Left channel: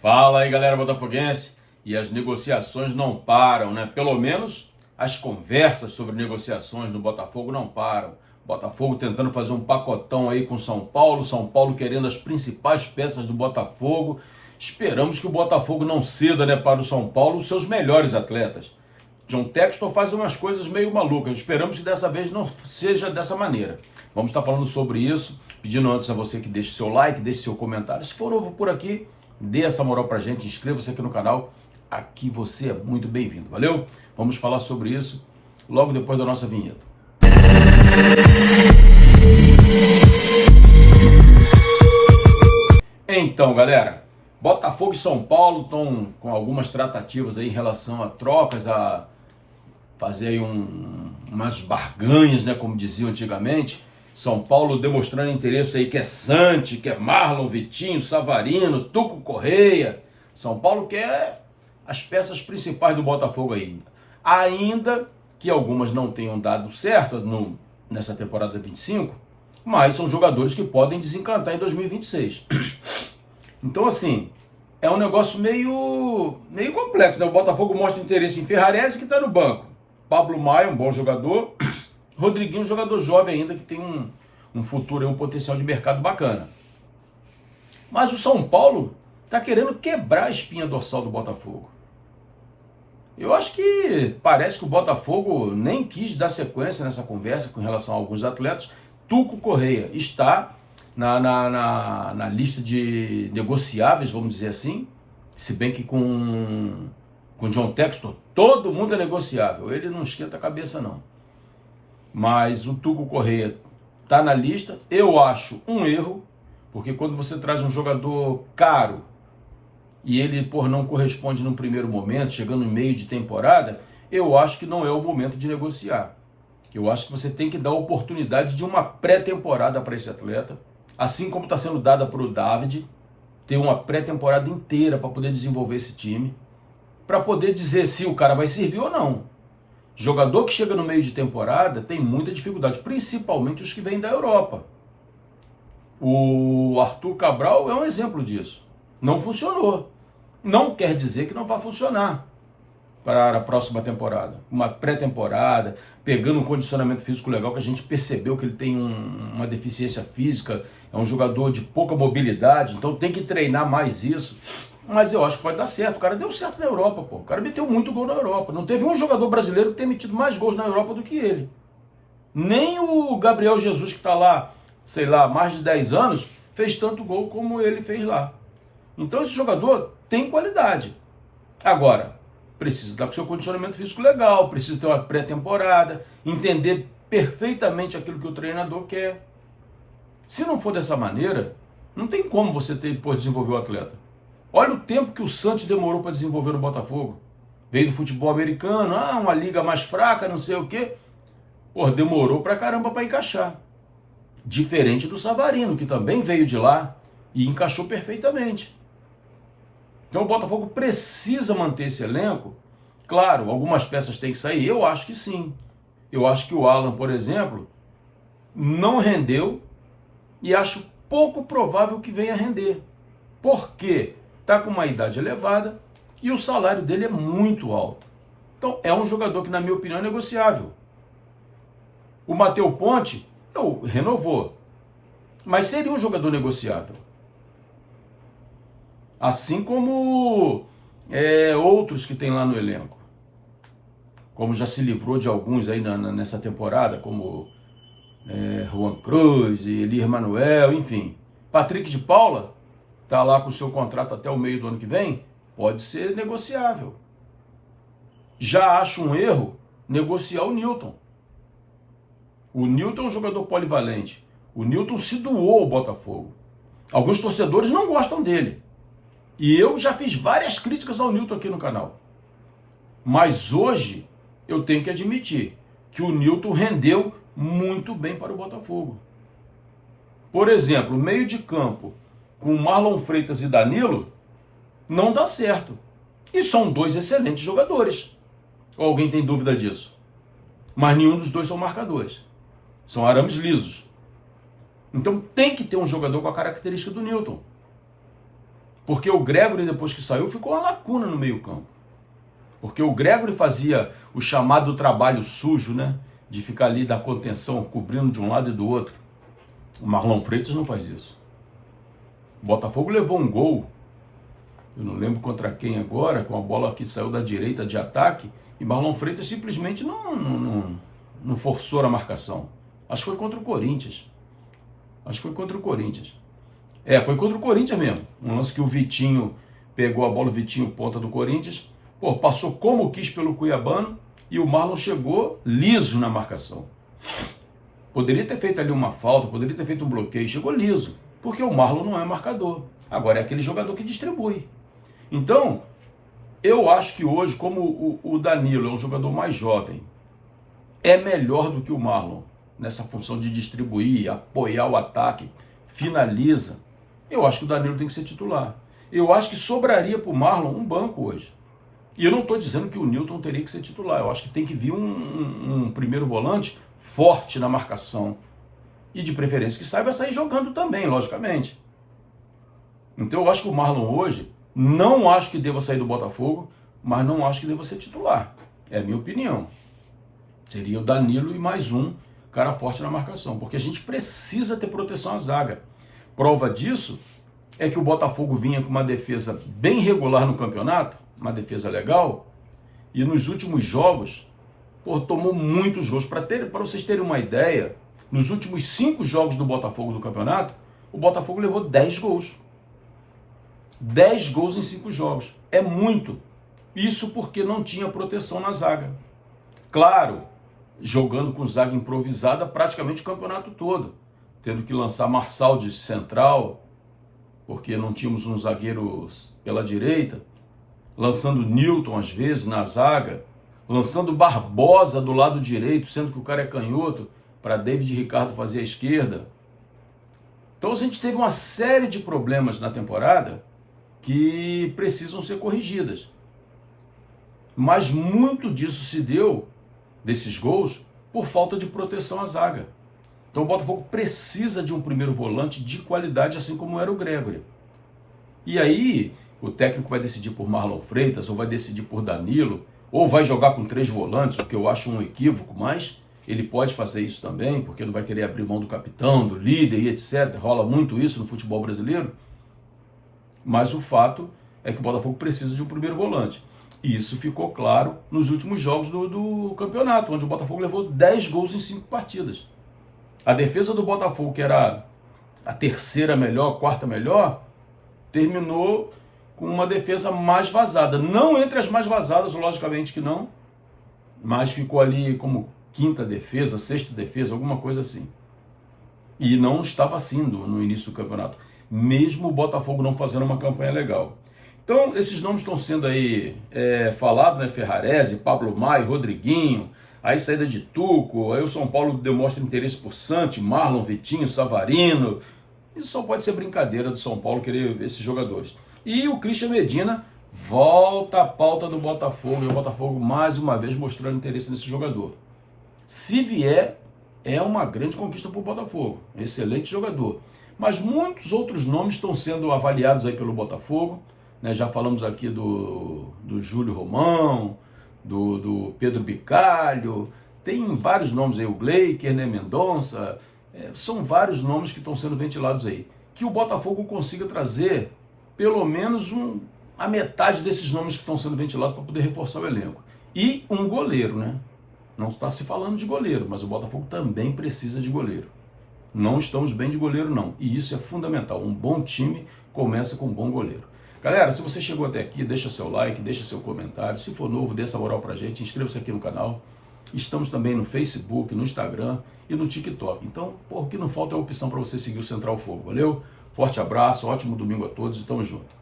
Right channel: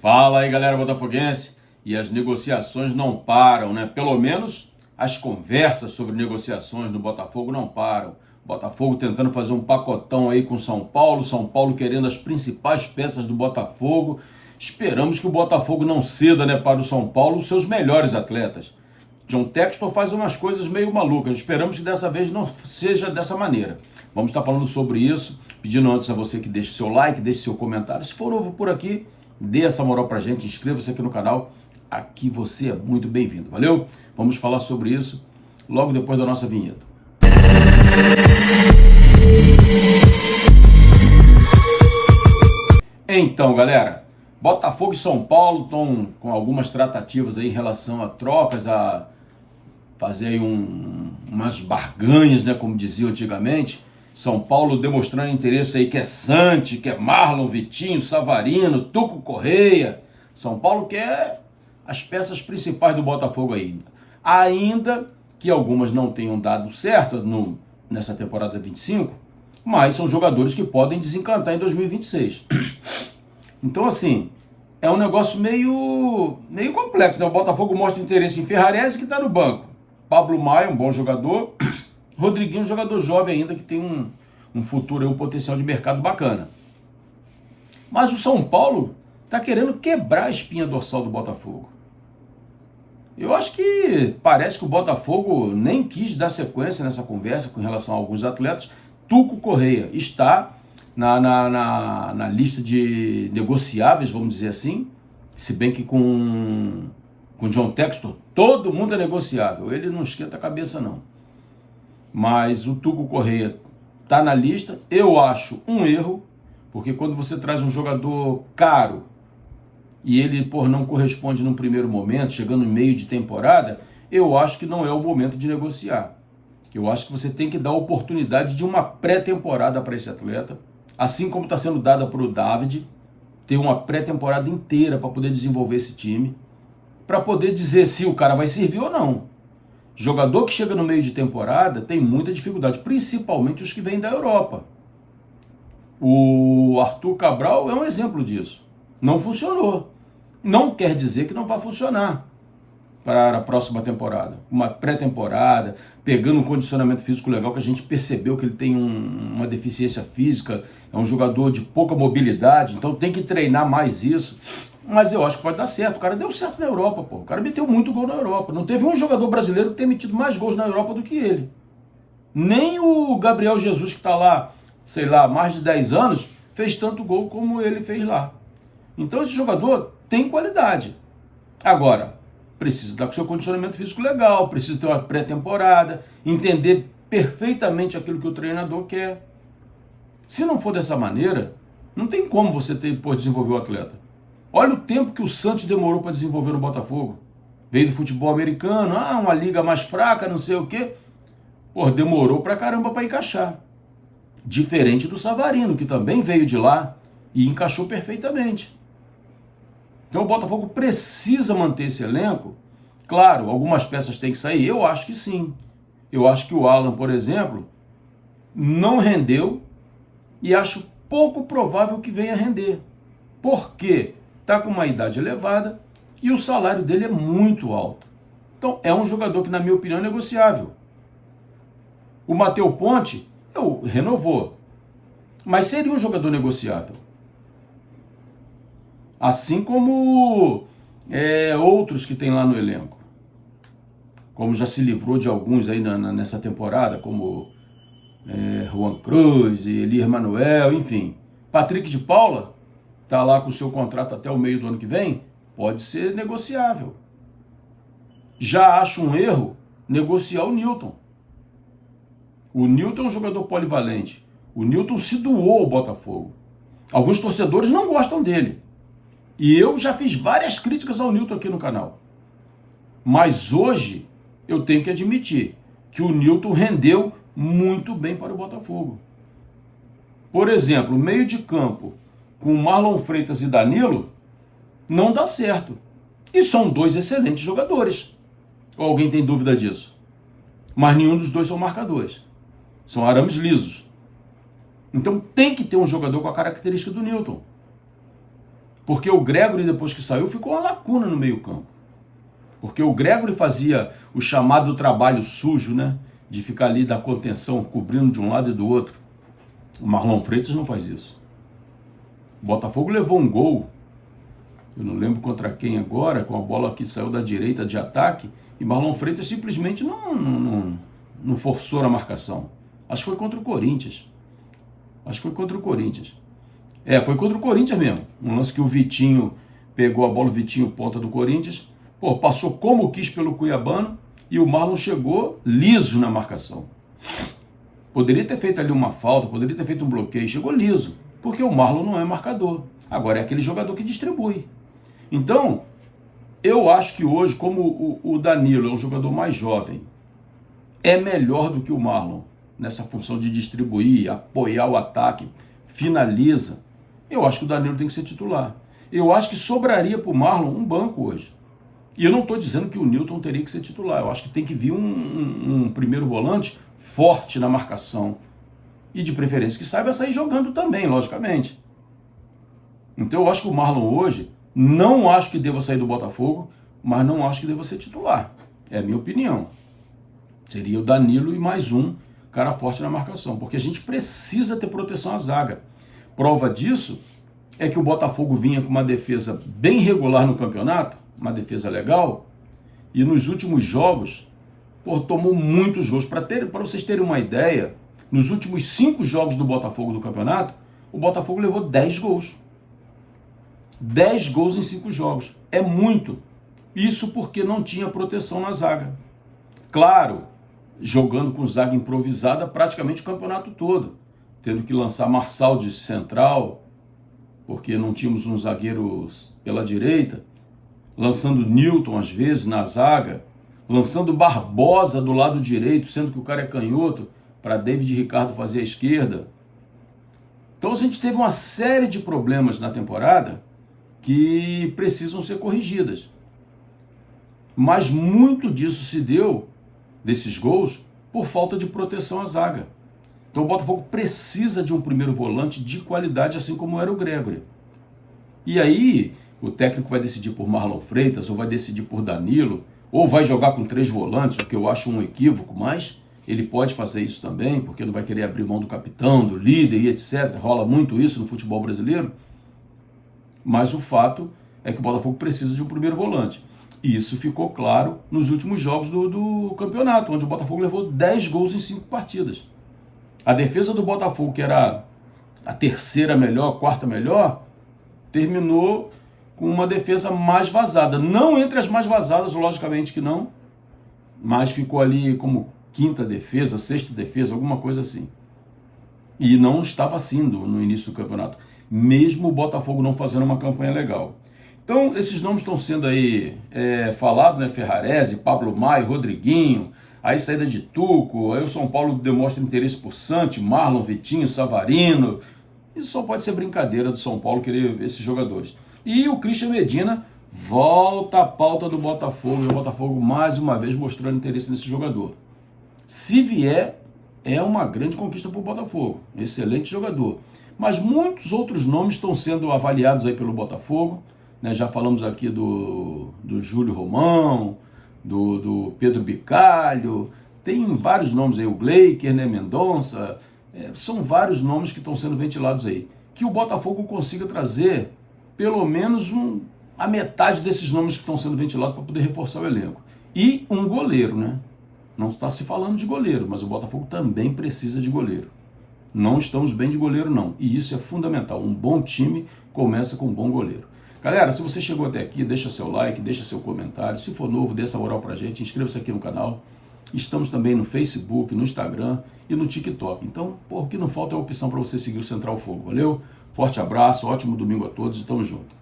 Fala aí, galera botafoguense. E as negociações não param, né? Pelo menos as conversas sobre negociações do Botafogo não param. Botafogo tentando fazer um pacotão aí com São Paulo querendo as principais peças do Botafogo. Esperamos que o Botafogo não ceda, né, para o São Paulo os seus melhores atletas. John Textor faz umas coisas meio malucas. Esperamos que dessa vez não seja dessa maneira. Vamos estar falando sobre isso, pedindo antes a você que deixe seu like, deixe seu comentário. Se for novo por aqui, dê essa moral pra gente, inscreva-se aqui no canal. Aqui você é muito bem-vindo, valeu? Vamos falar sobre isso logo depois da nossa vinheta. Então, galera, Botafogo e São Paulo estão com algumas tratativas aí em relação a trocas, a fazer aí umas barganhas, né, como diziam antigamente. São Paulo demonstrando interesse aí que é Santi, que é Marlon, Vitinho, Savarino, Tuco Correia. São Paulo quer as peças principais do Botafogo ainda. Ainda que algumas não tenham dado certo nessa temporada 25, mas são jogadores que podem desencantar em 2026. Então, assim, é um negócio meio complexo, né? O Botafogo mostra interesse em Ferrarese, que está no banco. Pablo Maia, um bom jogador. Rodriguinho, um jogador jovem ainda, que tem um futuro e um potencial de mercado bacana. Mas o São Paulo está querendo quebrar a espinha dorsal do Botafogo. Eu acho que parece que o Botafogo nem quis dar sequência nessa conversa com relação a alguns atletas. Tuco Correia está na lista de negociáveis, vamos dizer assim, se bem que com John Textor todo mundo é negociável, ele não esquenta a cabeça não. Mas o Tuco Correia está na lista. Eu acho um erro, porque quando você traz um jogador caro e ele não corresponde num primeiro momento, chegando em meio de temporada, eu acho que não é o momento de negociar. Eu acho que você tem que dar a oportunidade de uma pré-temporada para esse atleta, assim como está sendo dada para o David, ter uma pré-temporada inteira para poder desenvolver esse time, para poder dizer se o cara vai servir ou não. Jogador que chega no meio de temporada tem muita dificuldade, principalmente os que vêm da Europa. O Arthur Cabral é um exemplo disso. Não funcionou. Não quer dizer que não vai funcionar para a próxima temporada. Uma pré-temporada, pegando um condicionamento físico legal, que a gente percebeu que ele tem uma deficiência física, é um jogador de pouca mobilidade, então tem que treinar mais isso. Mas eu acho que pode dar certo. O cara deu certo na Europa, pô. O cara meteu muito gol na Europa. Não teve um jogador brasileiro que tenha metido mais gols na Europa do que ele. Nem o Gabriel Jesus, que está lá, sei lá, mais de 10 anos, fez tanto gol como ele fez lá. Então esse jogador tem qualidade. Agora, precisa estar com seu condicionamento físico legal, precisa ter uma pré-temporada, entender perfeitamente aquilo que o treinador quer. Se não for dessa maneira, não tem como você desenvolver o atleta. Olha o tempo que o Santos demorou para desenvolver no Botafogo. Veio do futebol americano, uma liga mais fraca, não sei o quê. Demorou pra caramba para encaixar. Diferente do Savarino, que também veio de lá e encaixou perfeitamente. Então o Botafogo precisa manter esse elenco. Claro, algumas peças têm que sair, eu acho que sim. Eu acho que o Alan, por exemplo, não rendeu e acho pouco provável que venha a render. Por quê? Está com uma idade elevada e o salário dele é muito alto. Então é um jogador que, na minha opinião, é negociável. O Matheus Ponte renovou, mas seria um jogador negociável. Assim como outros que tem lá no elenco. Como já se livrou de alguns aí nessa temporada, como Juan Cruz e Elir Manuel, enfim. Patrick de Paula está lá com o seu contrato até o meio do ano que vem, pode ser negociável. Já acho um erro negociar o Newton. O Newton é um jogador polivalente. O Newton se doou ao Botafogo. Alguns torcedores não gostam dele. E eu já fiz várias críticas ao Newton aqui no canal. Mas hoje eu tenho que admitir que o Newton rendeu muito bem para o Botafogo. Por exemplo, meio de campo com Marlon Freitas e Danilo, não dá certo. E são dois excelentes jogadores. Ou alguém tem dúvida disso? Mas nenhum dos dois são marcadores. São arames lisos. Então tem que ter um jogador com a característica do Newton. Porque o Gregori, depois que saiu, ficou uma lacuna no meio-campo. Porque o Gregori fazia o chamado trabalho sujo, né? De ficar ali da contenção, cobrindo de um lado e do outro. O Marlon Freitas não faz isso. O Botafogo levou um gol, eu não lembro contra quem agora, com a bola que saiu da direita de ataque, e Marlon Freitas simplesmente não forçou a marcação. Acho que foi contra o Corinthians. Foi contra o Corinthians mesmo. Um lance que o Vitinho pegou a bola, o Vitinho ponta do Corinthians, passou como quis pelo Cuiabano, e o Marlon chegou liso na marcação. Poderia ter feito ali uma falta, poderia ter feito um bloqueio, chegou liso, porque o Marlon não é marcador. Agora é aquele jogador que distribui. Então, eu acho que hoje, como o Danilo é um jogador mais jovem, é melhor do que o Marlon nessa função de distribuir, apoiar o ataque, finaliza. Eu acho que o Danilo tem que ser titular. Eu acho que sobraria para o Marlon um banco hoje. E eu não estou dizendo que o Newton teria que ser titular. Eu acho que tem que vir um primeiro volante forte na marcação. E de preferência que saiba sair jogando também, logicamente. Então eu acho que o Marlon hoje, não acho que deva sair do Botafogo, mas não acho que deva ser titular. É a minha opinião. Seria o Danilo e mais um cara forte na marcação. Porque a gente precisa ter proteção à zaga. Prova disso é que o Botafogo vinha com uma defesa bem regular no campeonato, uma defesa legal, e nos últimos jogos, tomou muitos gols. Para vocês terem uma ideia, nos últimos 5 jogos do Botafogo do campeonato, o Botafogo levou 10 gols. 10 gols em 5 jogos. É muito. Isso porque não tinha proteção na zaga. Claro, jogando com zaga improvisada praticamente o campeonato todo, tendo que lançar Marçal de central, porque não tínhamos um zagueiro pela direita, lançando Newton às vezes na zaga, lançando Barbosa do lado direito, sendo que o cara é canhoto, para David Ricardo fazer a esquerda. Então a gente teve uma série de problemas na temporada que precisam ser corrigidas. Mas muito disso se deu, desses gols, por falta de proteção à zaga. Então o Botafogo precisa de um primeiro volante de qualidade, assim como era o Gregori. E aí o técnico vai decidir por Marlon Freitas, ou vai decidir por Danilo, ou vai jogar com 3 volantes, o que eu acho um equívoco, mas ele pode fazer isso também, porque não vai querer abrir mão do capitão, do líder e etc. Rola muito isso no futebol brasileiro. Mas o fato é que o Botafogo precisa de um primeiro volante. E isso ficou claro nos últimos jogos do campeonato, onde o Botafogo levou 10 gols em 5 partidas. A defesa do Botafogo, que era a terceira melhor, quarta melhor, terminou com uma defesa mais vazada. Não entre as mais vazadas, logicamente que não, mas ficou ali como quinta defesa, sexta defesa, alguma coisa assim. E não estava assim no início do campeonato, mesmo o Botafogo não fazendo uma campanha legal. Então, esses nomes estão sendo aí falados, né? Ferrarese, Pablo Maia, Rodriguinho, aí saída de Tuco, aí o São Paulo demonstra interesse por Santi, Marlon, Vitinho, Savarino. Isso só pode ser brincadeira do São Paulo querer esses jogadores. E o Christian Medina volta à pauta do Botafogo, e o Botafogo mais uma vez mostrando interesse nesse jogador. Se vier, é uma grande conquista para o Botafogo, excelente jogador. Mas muitos outros nomes estão sendo avaliados aí pelo Botafogo, né? Já falamos aqui do Júlio Romão, do Pedro Bicalho, tem vários nomes aí, o Gleiker, né? Mendonça, são vários nomes que estão sendo ventilados aí. Que o Botafogo consiga trazer pelo menos a metade desses nomes que estão sendo ventilados para poder reforçar o elenco. E um goleiro, né? Não está se falando de goleiro, mas o Botafogo também precisa de goleiro. Não estamos bem de goleiro, não. E isso é fundamental. Um bom time começa com um bom goleiro. Galera, se você chegou até aqui, deixa seu like, deixa seu comentário. Se for novo, dê essa moral pra gente. Inscreva-se aqui no canal. Estamos também no Facebook, no Instagram e no TikTok. Então, o que não falta é a opção para você seguir o Central Fogo. Valeu? Forte abraço, ótimo domingo a todos e tamo junto.